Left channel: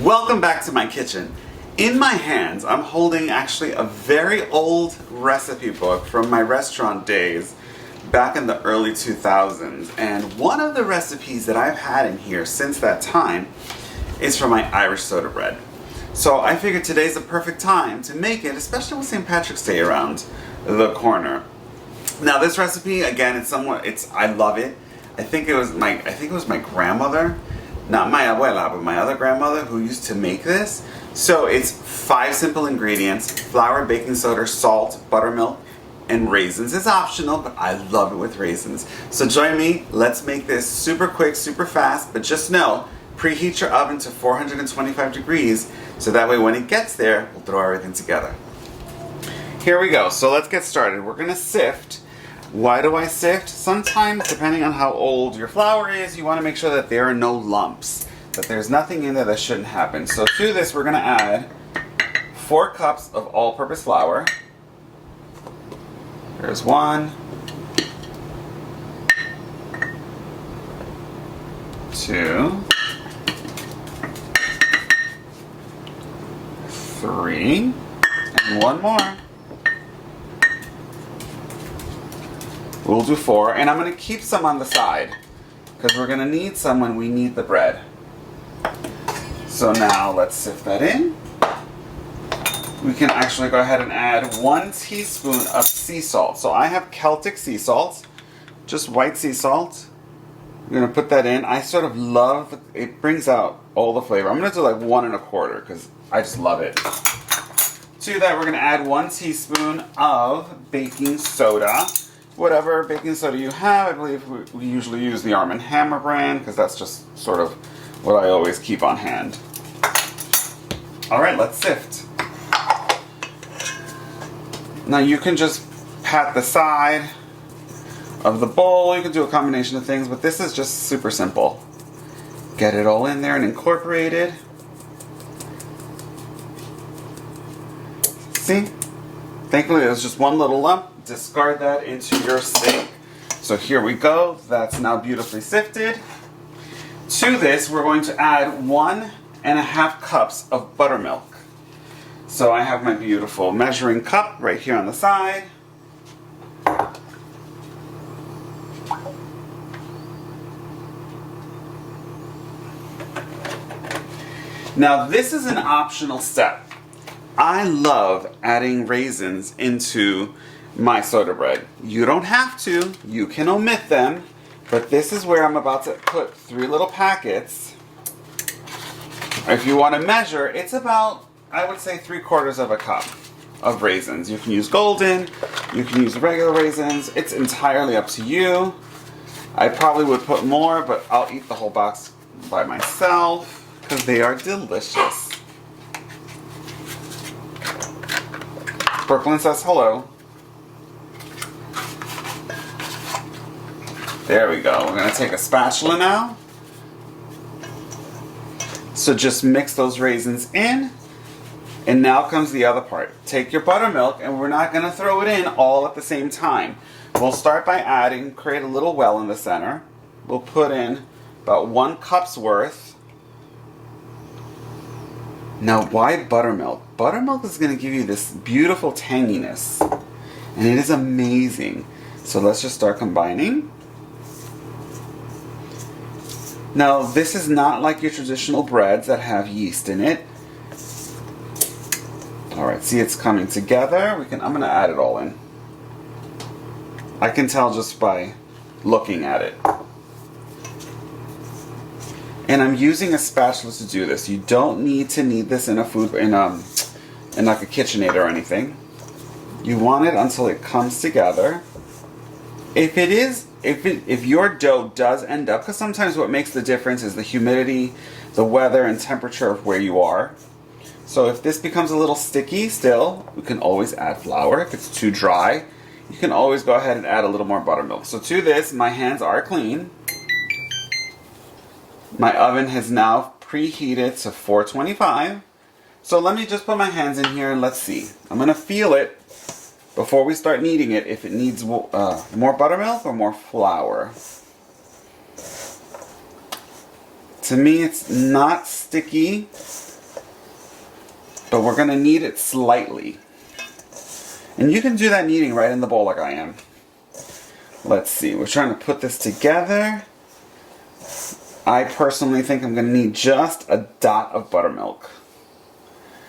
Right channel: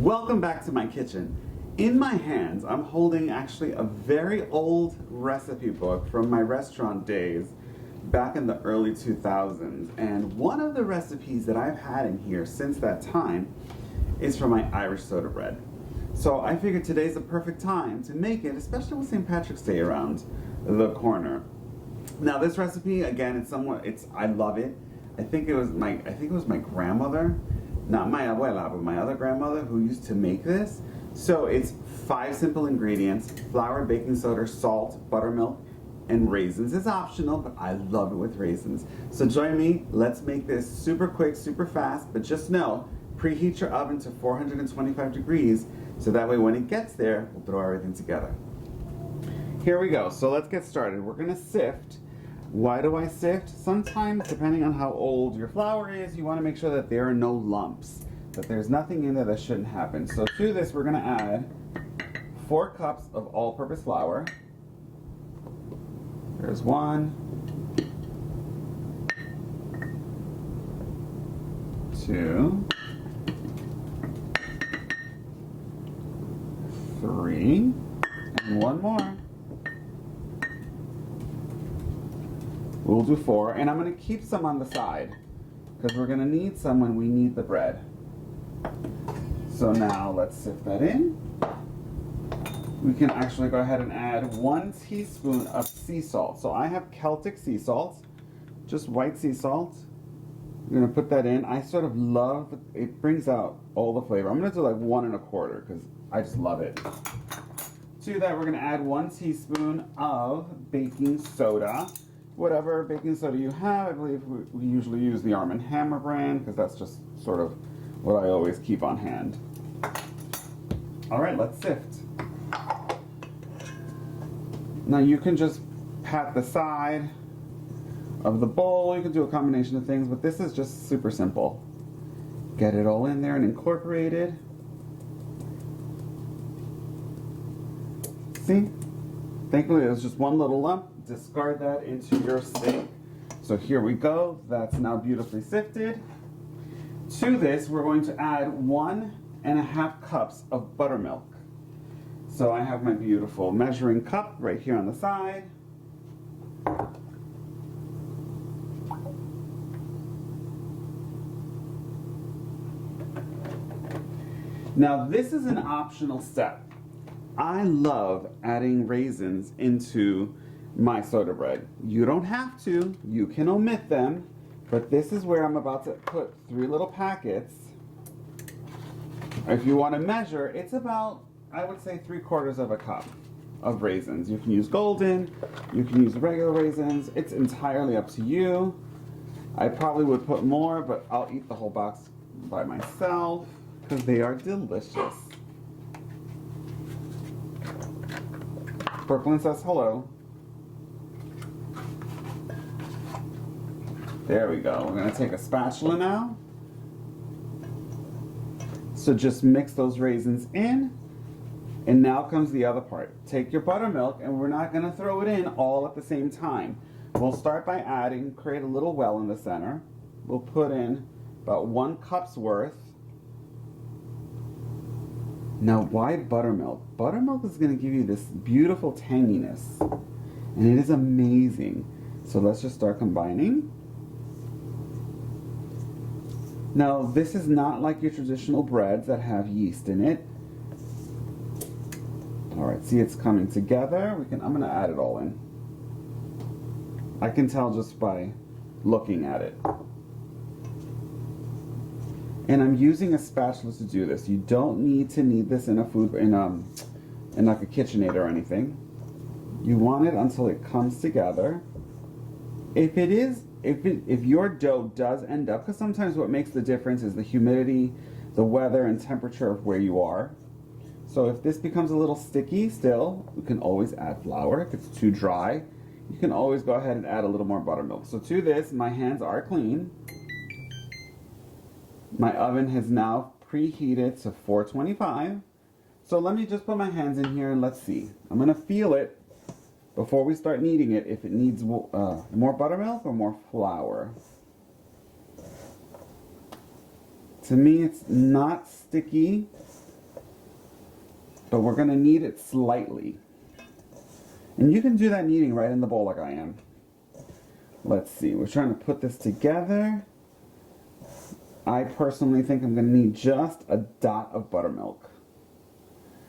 Welcome back to my kitchen. In my hands, I'm holding actually a very old recipe book from my restaurant days back in the early 2000s. And one of the recipes that I've had in here since that time is for my Irish soda bread. So I figured today's the perfect time to make it, especially with St. Patrick's Day around the corner. Now this recipe, again, I love it. I think it was my grandmother, not my abuela, but my other grandmother who used to make this. So it's 5 simple ingredients: flour, baking soda, salt, buttermilk, and raisins. It's optional, but I love it with raisins. So join me, let's make this super quick, super fast, but just know, preheat your oven to 425 degrees, so that way when it gets there, we'll throw everything together. Here we go, so let's get started. We're gonna sift. Why do I sift? Sometimes, depending on how old your flour is, you want to make sure that there are no lumps, that there's nothing in there that shouldn't happen. So to this, we're going to add 4 cups of all-purpose flour. There's 1, 2, 3, and 1 more. We'll do 4, and I'm going to keep some on the side because we're going to need some when we knead the bread. So now let's sift that in. We can actually go ahead and add 1 teaspoon of sea salt. So I have Celtic sea salt, just white sea salt. I'm going to put that in. I sort of love, it brings out all the flavor. I'm going to do like 1 1/4 because I just love it. To that, we're going to add 1 teaspoon of baking soda. Whatever baking soda you have. I believe we usually use the Arm & Hammer brand because that's just sort of what I always keep on hand. Alright, let's sift. Now you can just pat the side of the bowl. You can do a combination of things, but this is just super simple. Get it all in there and incorporated. See? Thankfully there's just 1 little lump. Discard that into your sink. So here we go. That's now beautifully sifted. To this, we're going to add 1 1/2 cups of buttermilk. So I have my beautiful measuring cup right here on the side. Now this is an optional step. I love adding raisins into my soda bread. You don't have to, you can omit them, but this is where I'm about to put 3 little packets. If you want to measure, it's about, I would say, 3/4 of a cup of raisins. You can use golden, you can use regular raisins, it's entirely up to you. I probably would put more, but I'll eat the whole box by myself because they are delicious. Brooklyn says hello. There we go. We're going to take a spatula now. So just mix those raisins in. And now comes the other part. Take your buttermilk, and we're not going to throw it in all at the same time. We'll start by adding, create a little well in the center. We'll put in about 1 cup's worth. Now why buttermilk? Buttermilk is going to give you this beautiful tanginess. And it is amazing. So let's just start combining. Now, this is not like your traditional breads that have yeast in it. Alright, see, it's coming together. I'm going to add it all in. I can tell just by looking at it. And I'm using a spatula to do this. You don't need to knead this in like a KitchenAid or anything. You want it until it comes together. If your dough does end up, because sometimes what makes the difference is the humidity, the weather, and temperature of where you are. So if this becomes a little sticky still, we can always add flour. If it's too dry, you can always go ahead and add a little more buttermilk. So to this, my hands are clean. My oven has now preheated to 425. So let me just put my hands in here and let's see. I'm going to feel it before we start kneading it, if it needs more buttermilk or more flour. To me, it's not sticky, but we're gonna knead it slightly. And you can do that kneading right in the bowl like I am. Let's see, we're trying to put this together. I personally think I'm gonna need just a dot of buttermilk.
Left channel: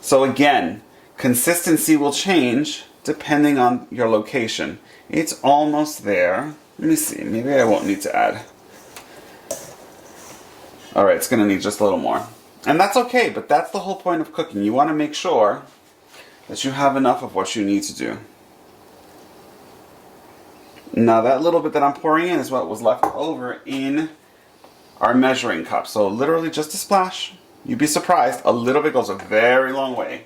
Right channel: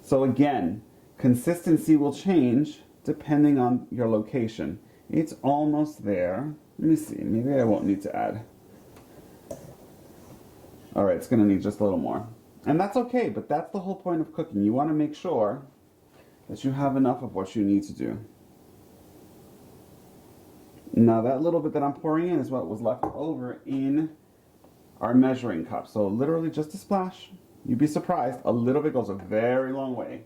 So again, consistency will change depending on your location. It's almost there. Let me see, maybe I won't need to add. Alright, it's gonna need just a little more. And that's okay, but that's the whole point of cooking. You wanna make sure that you have enough of what you need to do. Now that little bit that I'm pouring in is what was left over in our measuring cup. So literally just a splash. You'd be surprised, a little bit goes a very long way.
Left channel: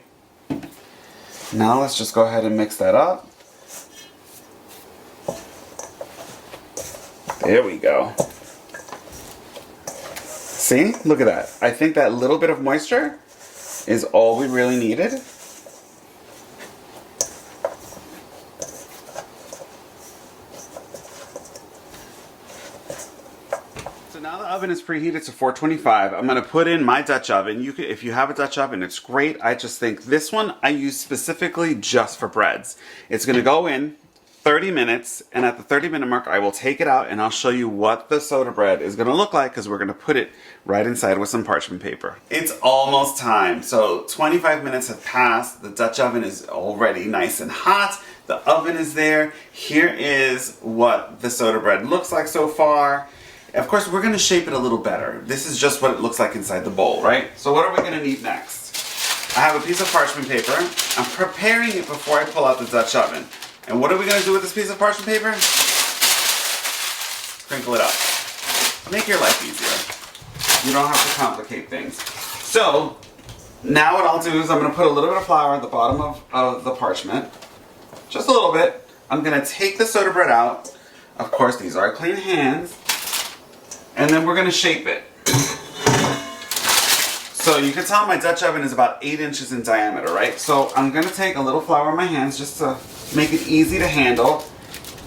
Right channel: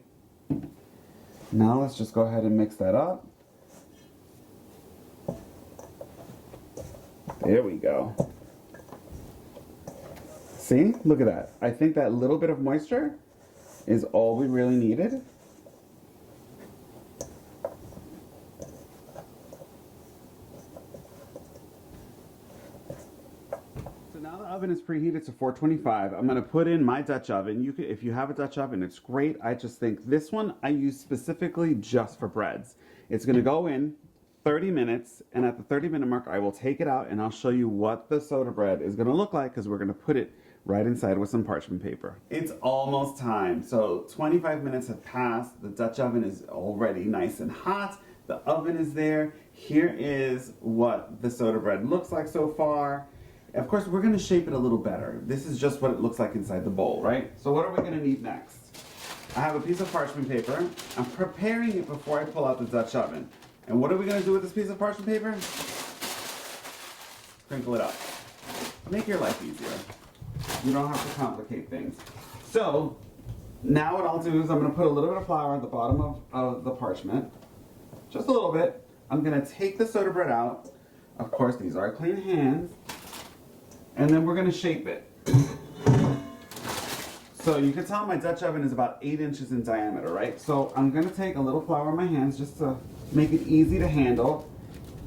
Now let's just go ahead and mix that up. There we go. See? Look at that. I think that little bit of moisture is all we really needed. So now the oven is preheated to 425. I'm going to put in my Dutch oven. You can, if you have a Dutch oven, it's great. I just think this one I use specifically just for breads. It's going to go in 30 minutes, and at the 30-minute mark I will take it out and I'll show you what the soda bread is going to look like, because we're going to put it right inside with some parchment paper. It's almost time. So 25 minutes have passed. The Dutch oven is already nice and hot. The oven is there. Here is what the soda bread looks like so far. Of course, we're going to shape it a little better. This is just what it looks like inside the bowl, right? So what are we going to need next? I have a piece of parchment paper. I'm preparing it before I pull out the Dutch oven. And what are we going to do with this piece of parchment paper? Crinkle it up. Make your life easier. You don't have to complicate things. So, now what I'll do is I'm going to put a little bit of flour at the bottom of the parchment. Just a little bit. I'm going to take the soda bread out. Of course, these are clean hands. And then we're going to shape it. So you can tell my Dutch oven is about 8 inches in diameter, right? So I'm going to take a little flour in my hands just to make it easy to handle.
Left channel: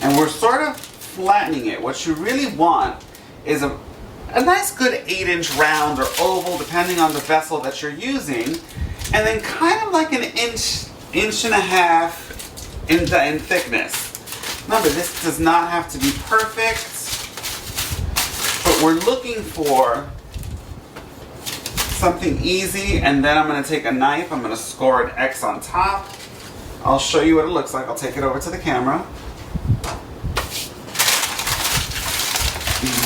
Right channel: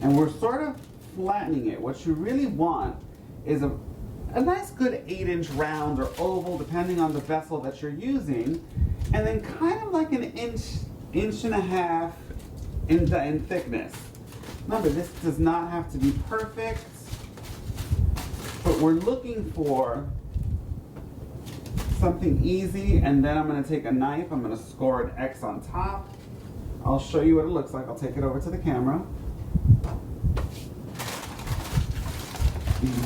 And we're sort of flattening it. What you really want is a nice good 8-inch round or oval, depending on the vessel that you're using. And then kind of like an inch and a half in thickness. Remember, this does not have to be perfect, but we're looking for something easy. And then I'm going to take a knife, I'm going to score an X on top. I'll show you what it looks like. I'll take it over to the camera.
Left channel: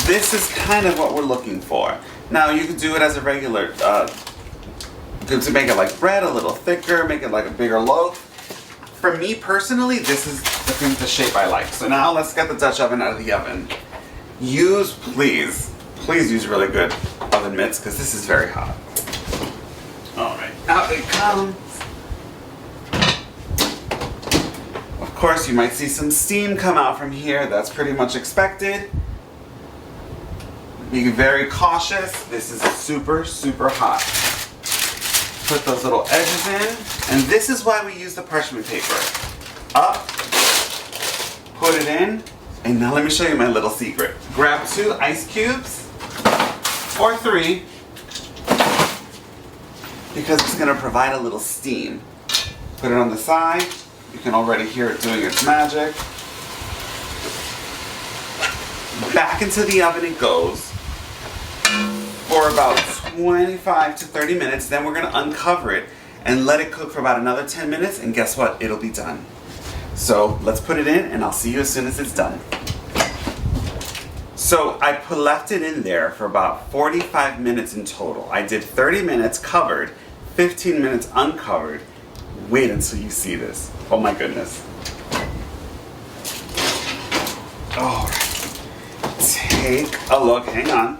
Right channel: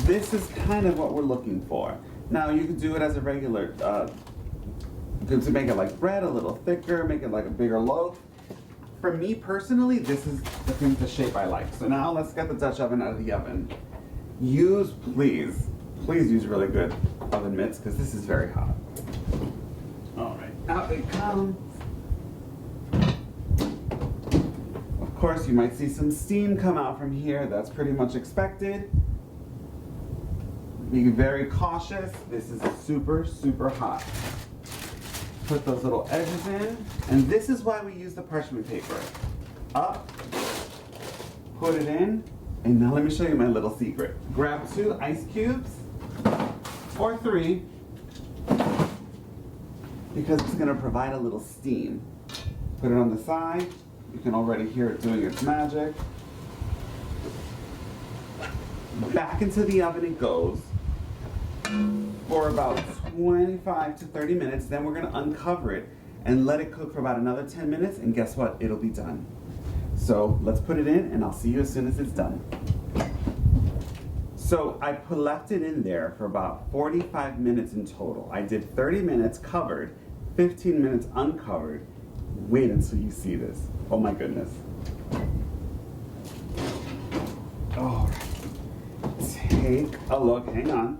This is kind of what we're looking for. Now you can do it as a regular, to make it like bread, a little thicker, make it like a bigger loaf. For me personally, this is the shape I like. So now let's get the Dutch oven out of the oven. Please use really good oven mitts, because this is very hot. Alright, out it comes. Of course, you might see some steam come out from here. That's pretty much expected. Be very cautious. This is super, super hot. Put those little edges in. And this is why we use the parchment paper. Up, put it in, and now let me show you my little secret. Grab 2 ice cubes, or 3, because it's going to provide a little steam. Put it on the side. You can already hear it doing its magic. Back into the oven it goes for about 25 to 30 minutes. Then we're going to uncover it and let it cook for about another 10 minutes, and guess what? It'll be done. So let's put it in and I'll see you as soon as it's done. So I left it in there for about 45 minutes in total. I did 30 minutes covered, 15 minutes uncovered. Wait until you see this. Oh my goodness. Alright. Take a look. Hang on.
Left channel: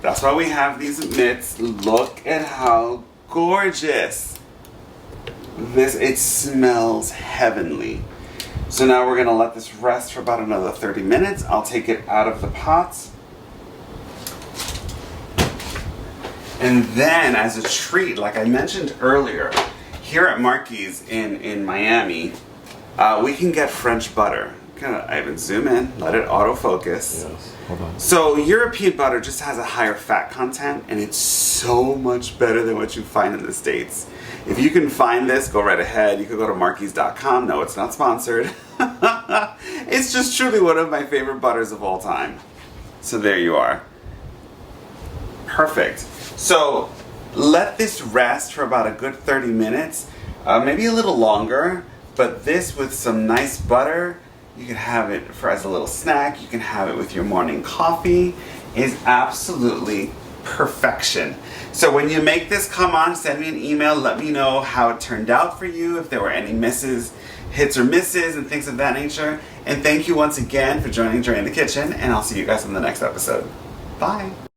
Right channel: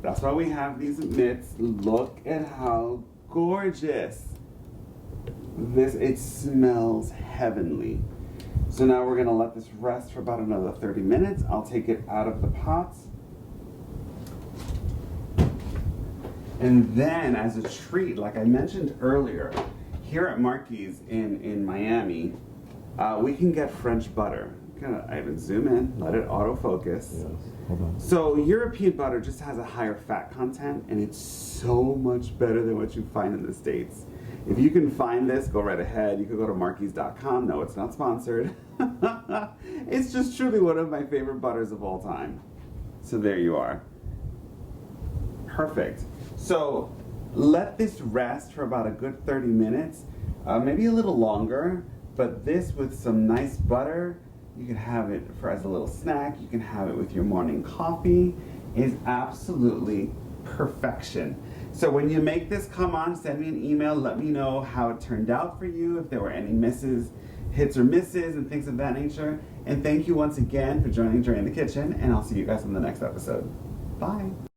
That's why we have these mitts. Look at how gorgeous. It smells heavenly. So now we're going to let this rest for about another 30 minutes. I'll take it out of the pot. And then, as a treat, like I mentioned earlier, here at Marky's in Miami, we can get French butter. I even zoom in, let it autofocus. Yes. Hold on. So European butter just has a higher fat content, and it's so much better than what you find in the States. If you can find this, go right ahead. You could go to Marquis.com. No, it's not sponsored. It's just truly one of my favorite butters of all time. So there you are. Perfect. So let this rest for about a good 30 minutes, maybe a little longer, but this with some nice butter, you can have it as a little snack, you can have it with your morning coffee, is absolutely perfection. So when you make this, come on, send me an email, let me know how it turned out for you, if there were any hits or misses and things of that nature. And thank you once again for joining Dre in the Kitchen, and I'll see you guys in the next episode. Bye.